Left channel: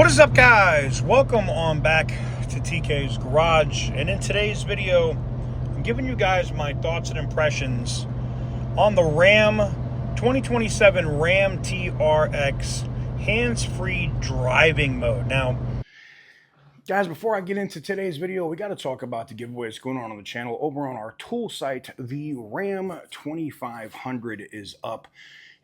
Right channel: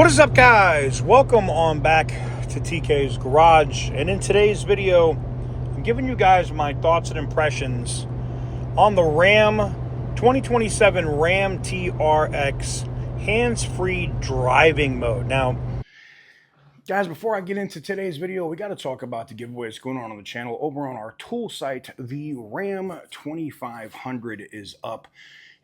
What is up, guys? Welcome on back to TK's Garage, and in today's video I'm giving you guys my thoughts and impressions on the Ram 2027 Ram TRX hands-free driving mode. Now guys, before I get into today's video, we got to talk about the giveaways going on the channel. Over on our tool site, the Ram 2500 is up.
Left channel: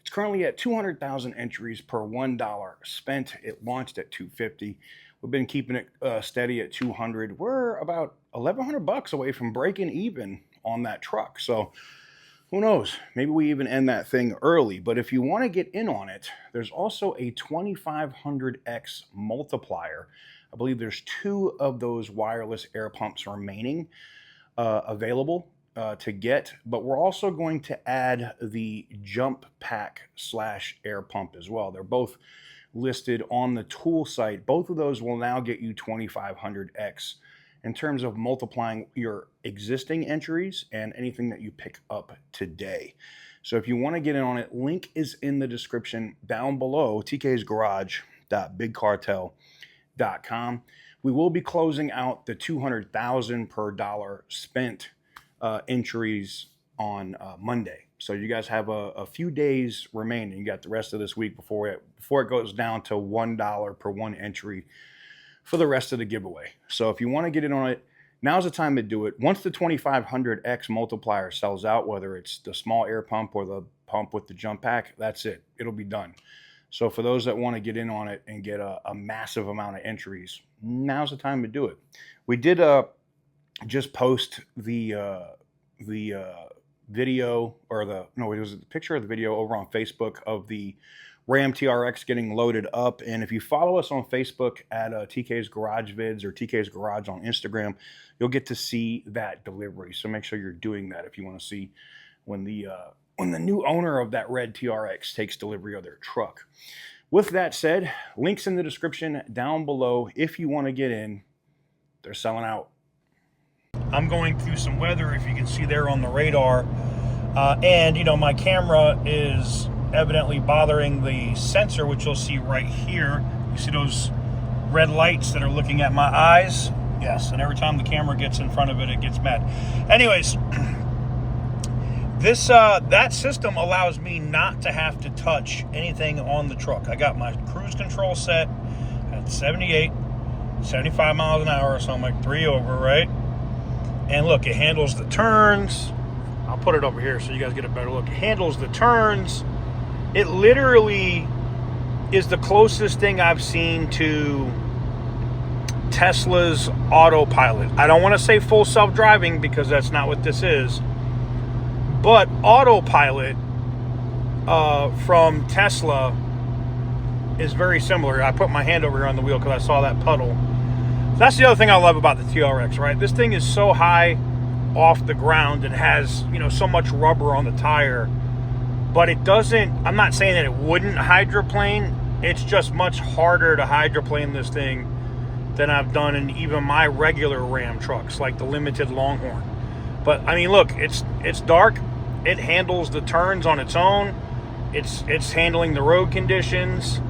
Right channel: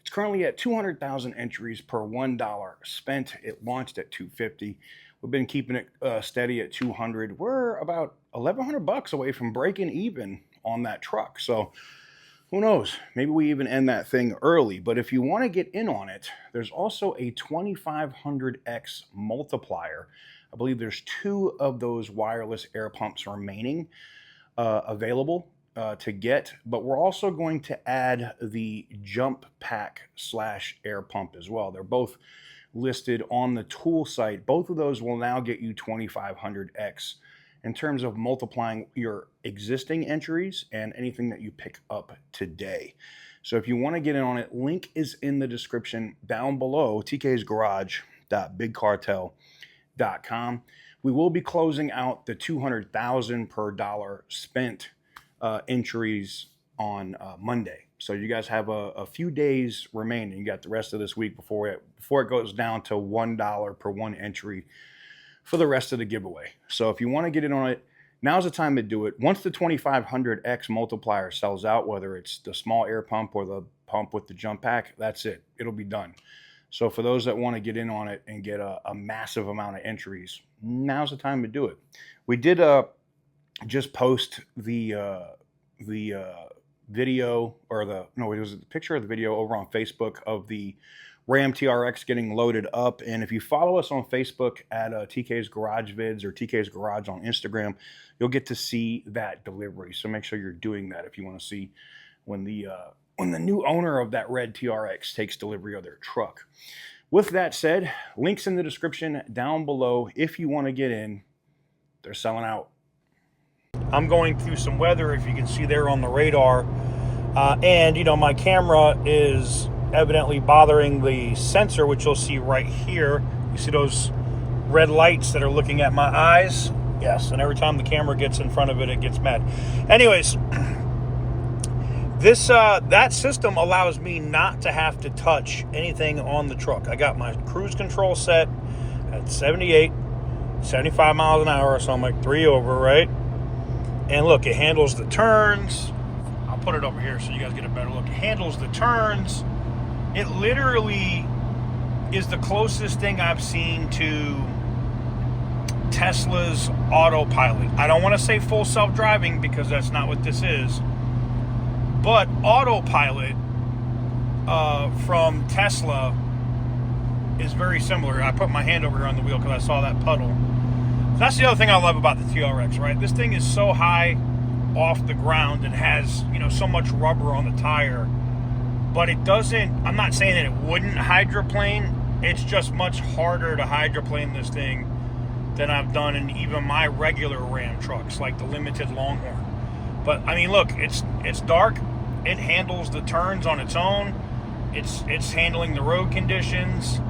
It's currently at 200,000 entries per $1 spent. It launched at $250. We've been keeping it steady at 200. We're about 1,100 bucks away from breaking even on that truck. So who knows? Maybe we even end that thing early. But if you want to get in on it, there's also a 2500X multiplier. I believe there's 2 of those wireless air pumps remaining available to get, but we're also going to add the jump pack / air pump as well. They're both listed on the tool site. Both of those will now get you 2500X in terms of multiplying your existing entries and anything that you pick up today. So if you want to get in on it, link is in the description down below, tk'sgarage.bigcartel.com. We will be closing out the 200,000 per dollar spent entries on Monday. So you guys have a few days remaining. You got the rest of this week before it goes down to $1 per one entry for the rest of the giveaway. So if you want to get in on it, now's the time to do it. Once the 2500X multiplier sells out, whether it's the small air pump or the pump with the jump pack, that's it. It'll be done. So for those that want to get in on it and get a massive amount of entries, now's the time to do it. We did just post the video, or it was the picture of the video over on Facebook of the Ram TRX getting loaded up. And if you follow us on Facebook at TK's Garage Vids or TK's Garage on Instagram, you'll get to see that delivery. So make sure you're doing that if you want to see when the new owner of that red TRX takes delivery of their truck. With that said, links in the description down below. If you want to get in, they're selling out. I'm going through some weather, if you can see there on the radar, and my camera is evidently bothering the sensor, which you'll see right here. You see those red lights that are looking at my eyes? Yes, and every time the camera gets in front of it, it gets mad. Anyways, that system allows me not to have to touch anything on the truck. I got my cruise control set at 78, 75 miles an hour, so I'm like 3 over, right? And look, it handles the turns. I'll put it over here so you guys get a better look. It handles the turns. It literally is the closest thing I've seen to Tesla's autopilot. I don't want to say full self-driving because that's not what this is. But autopilot from Tesla is very similar. I put my hand over here on the wheel because I saw that puddle. That's the other thing I love about the TRX, right? This thing is so high off the ground and has, so much rubber on the tire, but it doesn't, I'm not saying that it wouldn't hydroplane. It's just much harder to hydroplane this thing than I've done in even my regular Ram trucks, like the Limited Longhorn. But I mean, look, it's dark. It handles the turns on its own. It's handling the road conditions.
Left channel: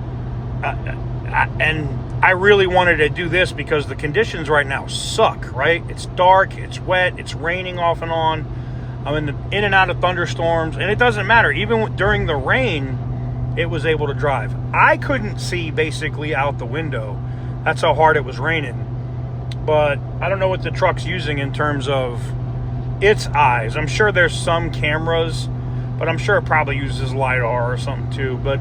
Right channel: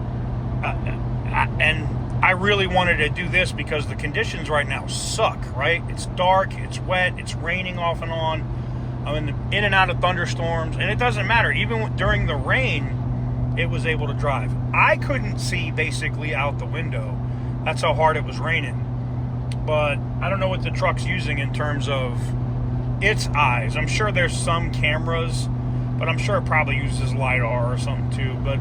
And I really wanted to do this because the conditions right now suck, right? It's dark, it's wet, it's raining off and on. I'm in and out of thunderstorms, and it doesn't matter. Even during the rain, it was able to drive. I couldn't see basically out the window. That's how hard it was raining. But I don't know what the truck's using in terms of its eyes. I'm sure there's some cameras, but I'm sure it probably uses LiDAR or something too. But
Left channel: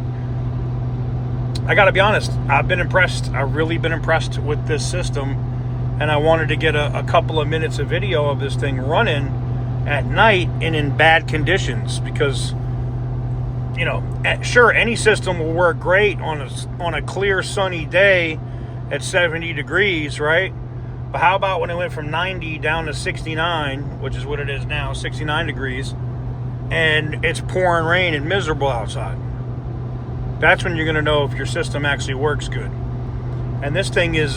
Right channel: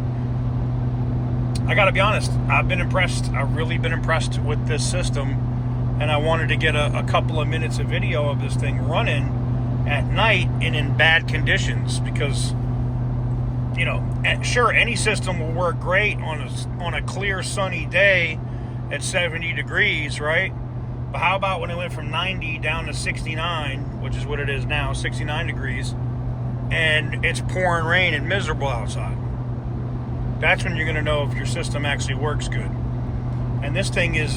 I gotta be honest, I've been impressed. I've really been impressed with this system, and I wanted to get a couple of minutes of video of this thing running at night and in bad conditions, because sure, any system will work great on a clear sunny day at 70 degrees, right? But how about when it went from 90 down to 69, which is what it is now, 69 degrees, and it's pouring rain and miserable outside? That's when you're going to know if your system actually works good. And this thing is,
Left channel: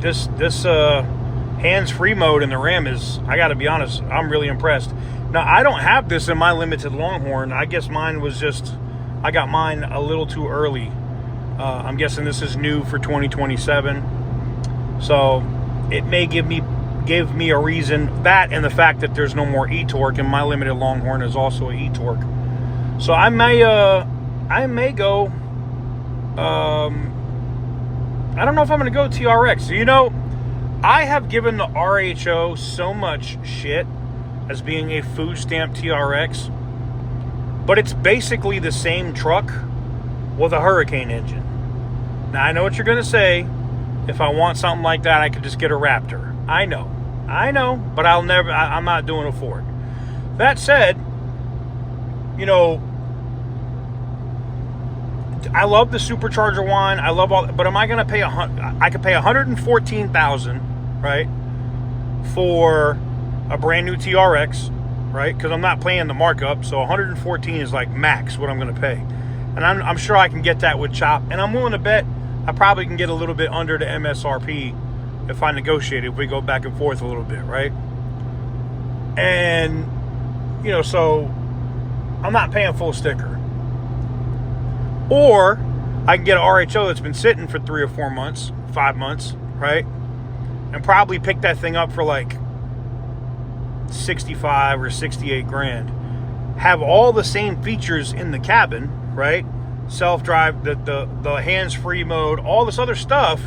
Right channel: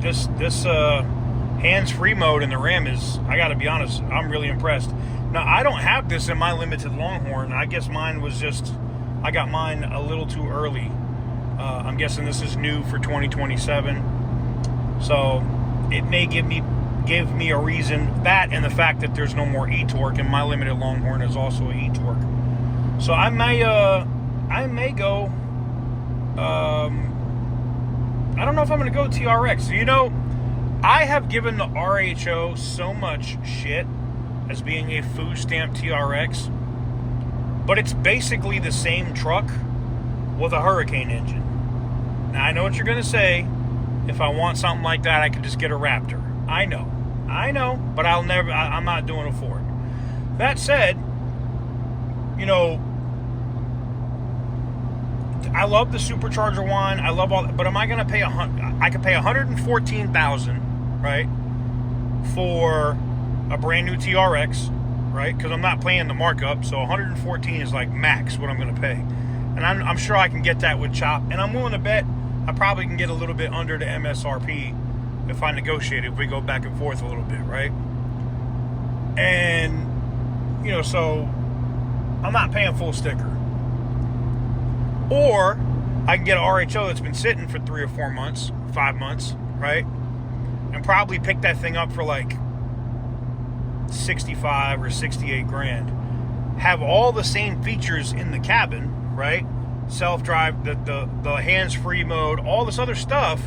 this hands-free mode in the Ram is, I got to be honest, I'm really impressed. Now, I don't have this in my Limited Longhorn. I guess mine was just, I got mine a little too early. I'm guessing this is new for 2027. So it may give me a reason, that and the fact that there's no more e-torque, and my limited Longhorn is also an e-torque. So I may go. I don't know if I'm going to go TRX. You know, I have given the RHO so much shit as being a food stamp TRX, but it's basically the same truck with a Hurricane engine. Now, I know what you're going to say. If I want something like that, I could just get a Raptor. I know, but I'm not doing a Ford. That said, you know, I love the supercharger one. I love all, but am I going to pay I could pay $114,000, right, for a brand new TRX, right? Because I'm not paying the markup, so 114 is like max what I'm going to pay, and I'm sure I can get that with chop, and I'm willing to bet I probably can get a little bit under the MSRP if I negotiate it, if we go back and forth a little bit, right? And you know, so I'm not paying full sticker. Or I can get an RHO that's been sitting for 3 or 4 months, 5 months, right? And probably pick that thing up for like 65 or 68 grand. Have all the same features in the cabin, right? Self-drive, the hands-free mode, all this other stuff,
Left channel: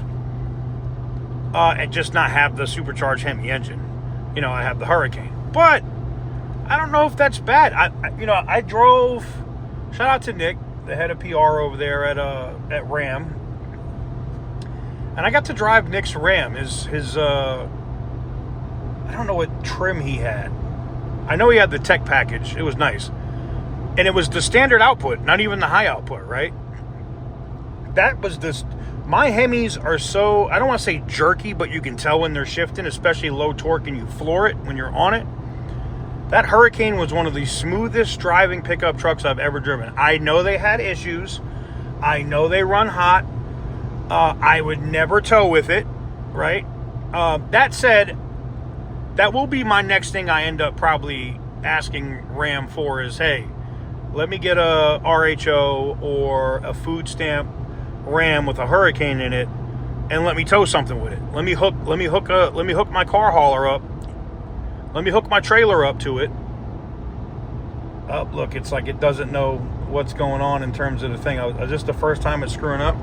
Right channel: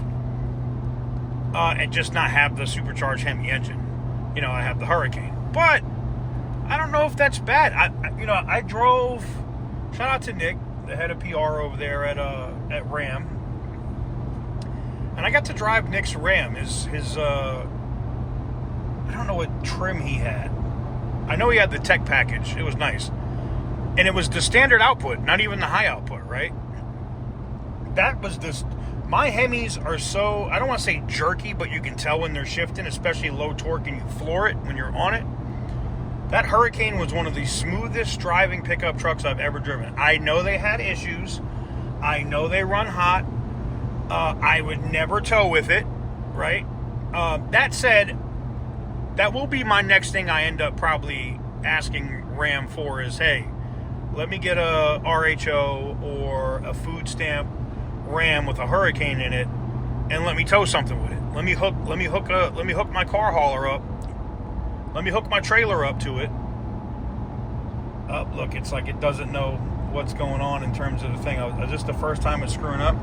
and just not have the supercharged Hemi engine. You know, I have the Hurricane. But I don't know if that's bad. I drove, shout out to Nick, the head of PR over there at Ram, and I got to drive Nick's Ram. His I don't know what trim he had. I know he had the tech package. It was nice, and it was the standard output, not even the high output, right? That was this. My Hemis are so, I don't want to say jerky, but you can tell when they're shifting, especially low torque, and you floor it when you're on it. That Hurricane was one of the smoothest driving pickup trucks I've ever driven. I know they had issues. I know they run hot. I would never tow with it, right? That said, that will be my next thing I end up probably asking Ram for is, hey, let me get a RHO or a food stamp Ram with a Hurricane in it, and let me tow something with it. Let me hook my car hauler up. Let me hook my trailer up to it. Oh, look, it's like it doesn't know what's going on in terms of the thing. Is this the first time it's screwing up?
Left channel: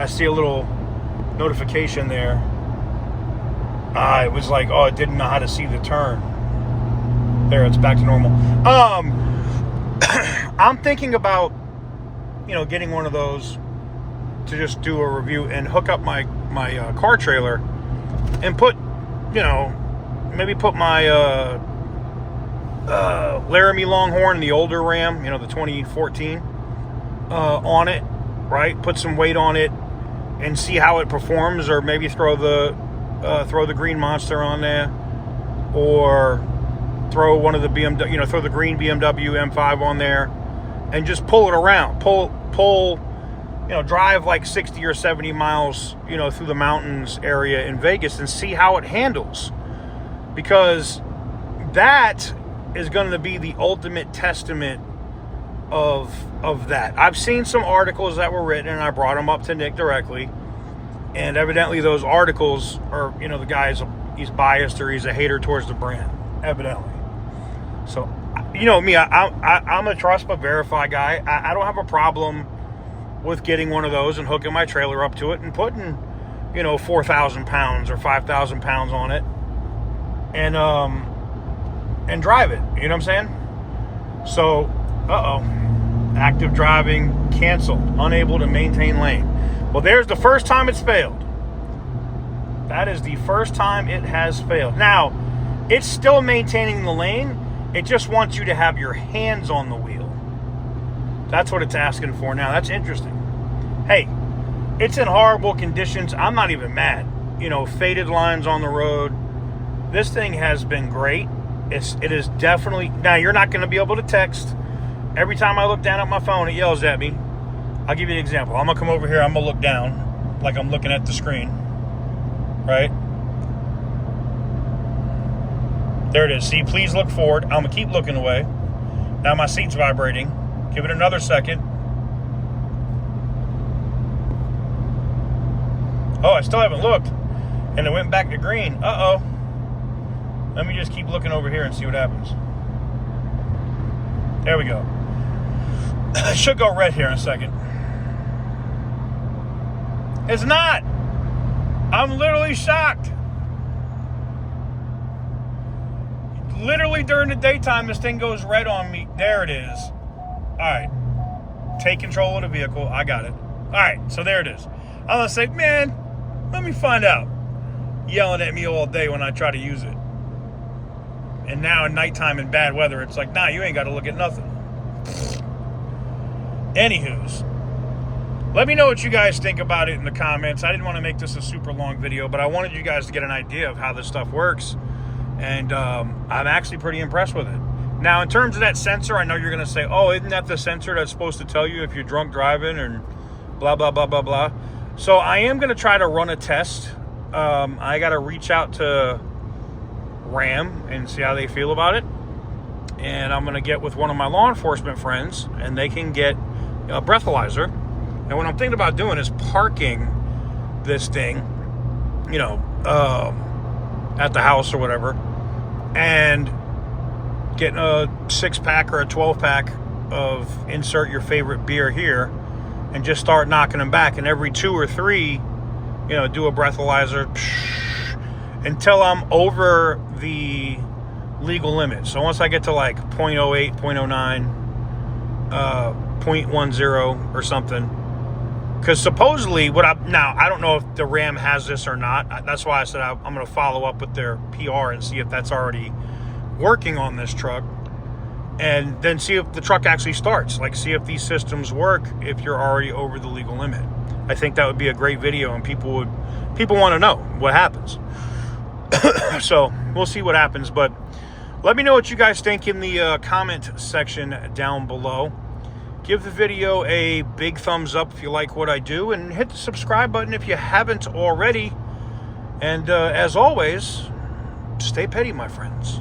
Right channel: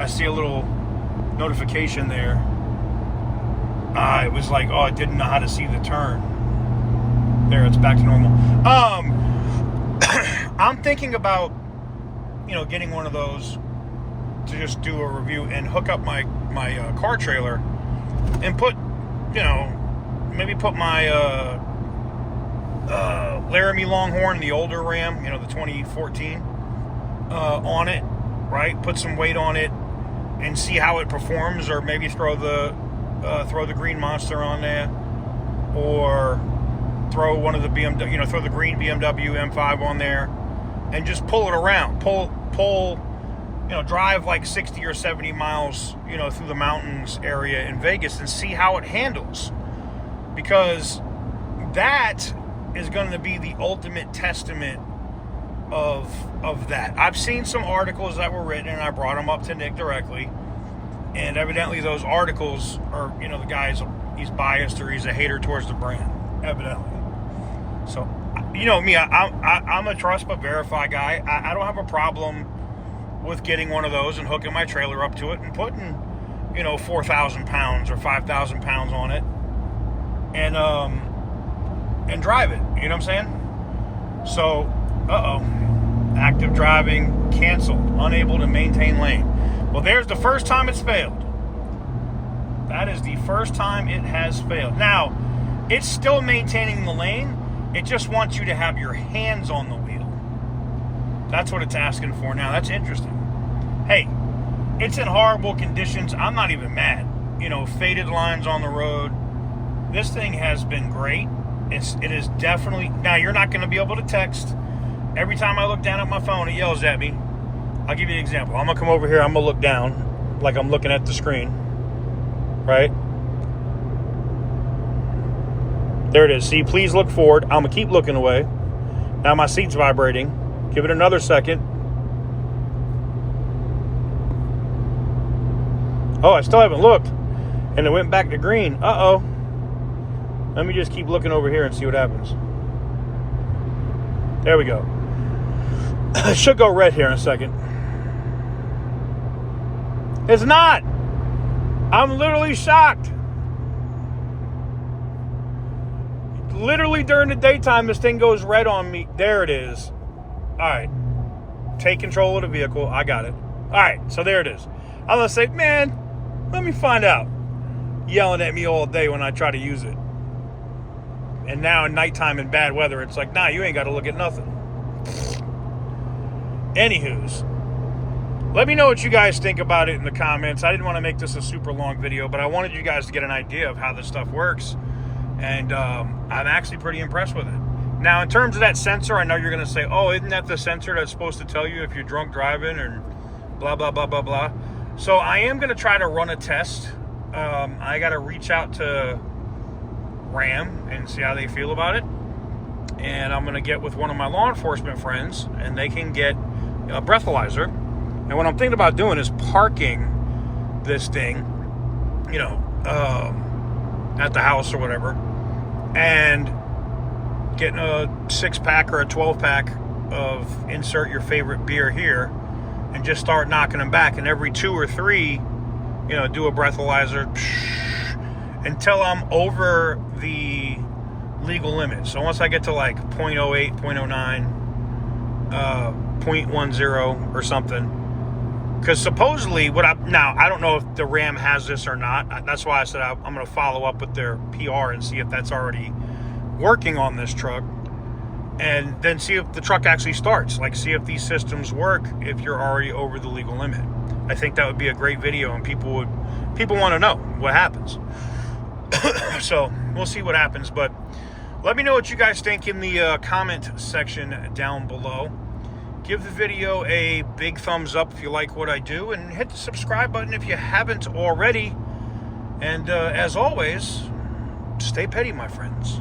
I see a little notification there. It was like, oh, it didn't know how to see the turn. There, it's back to normal. I'm thinking about, you know, getting one of those to just do a review and hook up my car trailer and put, you know, maybe put my Laramie Longhorn, the older Ram, you know, the 2014, on it, right? Put some weight on it and see how it performs, or maybe throw the Green Monster on there, or throw one of the BMW, you know, throw the green BMW M5 on there, and just pull it around, pull, you know, drive like 60 or 70 miles, you know, through the mountains area in Vegas and see how it handles. Because that is going to be the ultimate testament of that. I've seen some articles that were written, and I brought them up to Nick directly, and evidently those articles are, you know, the guy's, he's biased or he's a hater towards the brand, evidently. So, you know me, I'm a trust but verify guy. I don't have a problem with getting one of those and hooking my trailer up to it and putting, you know, 4,000 pounds or 5,000 pounds on it, and drive it. You know what I'm saying? So, active driving canceled, unable to maintain lane. Well, there's the first time it's failed. That is the first time it has failed. Now, it's still maintaining the lane. It just wants you to have your hands on the wheel. That's what it's asking for now. That's interesting. Hey, it's in horrible conditions. I'm not even mad. You know, faded lines on the road. This thing has been great. It is definitely... Now, you're not going to be able to text. Every time I look down at my phone, it yells at me. I'll give you an example. I'm going to come over here. I'm going to look down like I'm looking at the screen. Right? There it is. See, please look forward. I'm going to keep looking away. Now my seat's vibrating. Give it another second. Oh, I still haven't looked. And it went back to green. Uh-oh. Let me just keep looking over here and see what happens. There we go. It should go red here in a second. It's not. I'm literally shocked. Literally during the daytime, this thing goes red on me. There it is. All right. Take control of the vehicle. I got it. All right. So there it is. I'm going to say, man, let me find out. Yelling at me all day when I try to use it. And now at nighttime in bad weather, it's like, nah, you ain't got to look at nothing. Anywho's. Let me know what you guys think about it in the comments. I didn't want to make this a super long video, but I wanted you guys to get an idea of how this stuff works. And I'm actually pretty impressed with it. Now, in terms of that sensor, I know you're going to say, oh, isn't that the sensor that's supposed to tell you if you're drunk driving and blah, blah, blah, blah, blah. So I am going to try to run a test. I got to reach out to Ram and see how they feel about it. And I'm going to get with one of my law enforcement friends, and they can get a breathalyzer. And what I'm thinking about doing is parking this thing, you know, at the house or whatever, and getting a 6-pack or a 12-pack of insert your favorite beer here, and just start knocking them back. And every 2 or 3, you know, do a breathalyzer until I'm over the legal limit. So once I get to like 0.08, 0.09, 0.10 or something. Because supposedly, now I don't know if the Ram has this or not. That's why I said I'm going to follow up with their PR and see if that's already working on this truck, and then see if the truck actually starts. Like, see if these systems work if you're already over the legal limit. I think that would be a great video, and people want to know what happens. So we'll see what happens. But let me know what you guys think in the comment section down below. Give the video a big thumbs up if you like what I do, and hit the subscribe button if you haven't already. And as always, stay petty, my friends.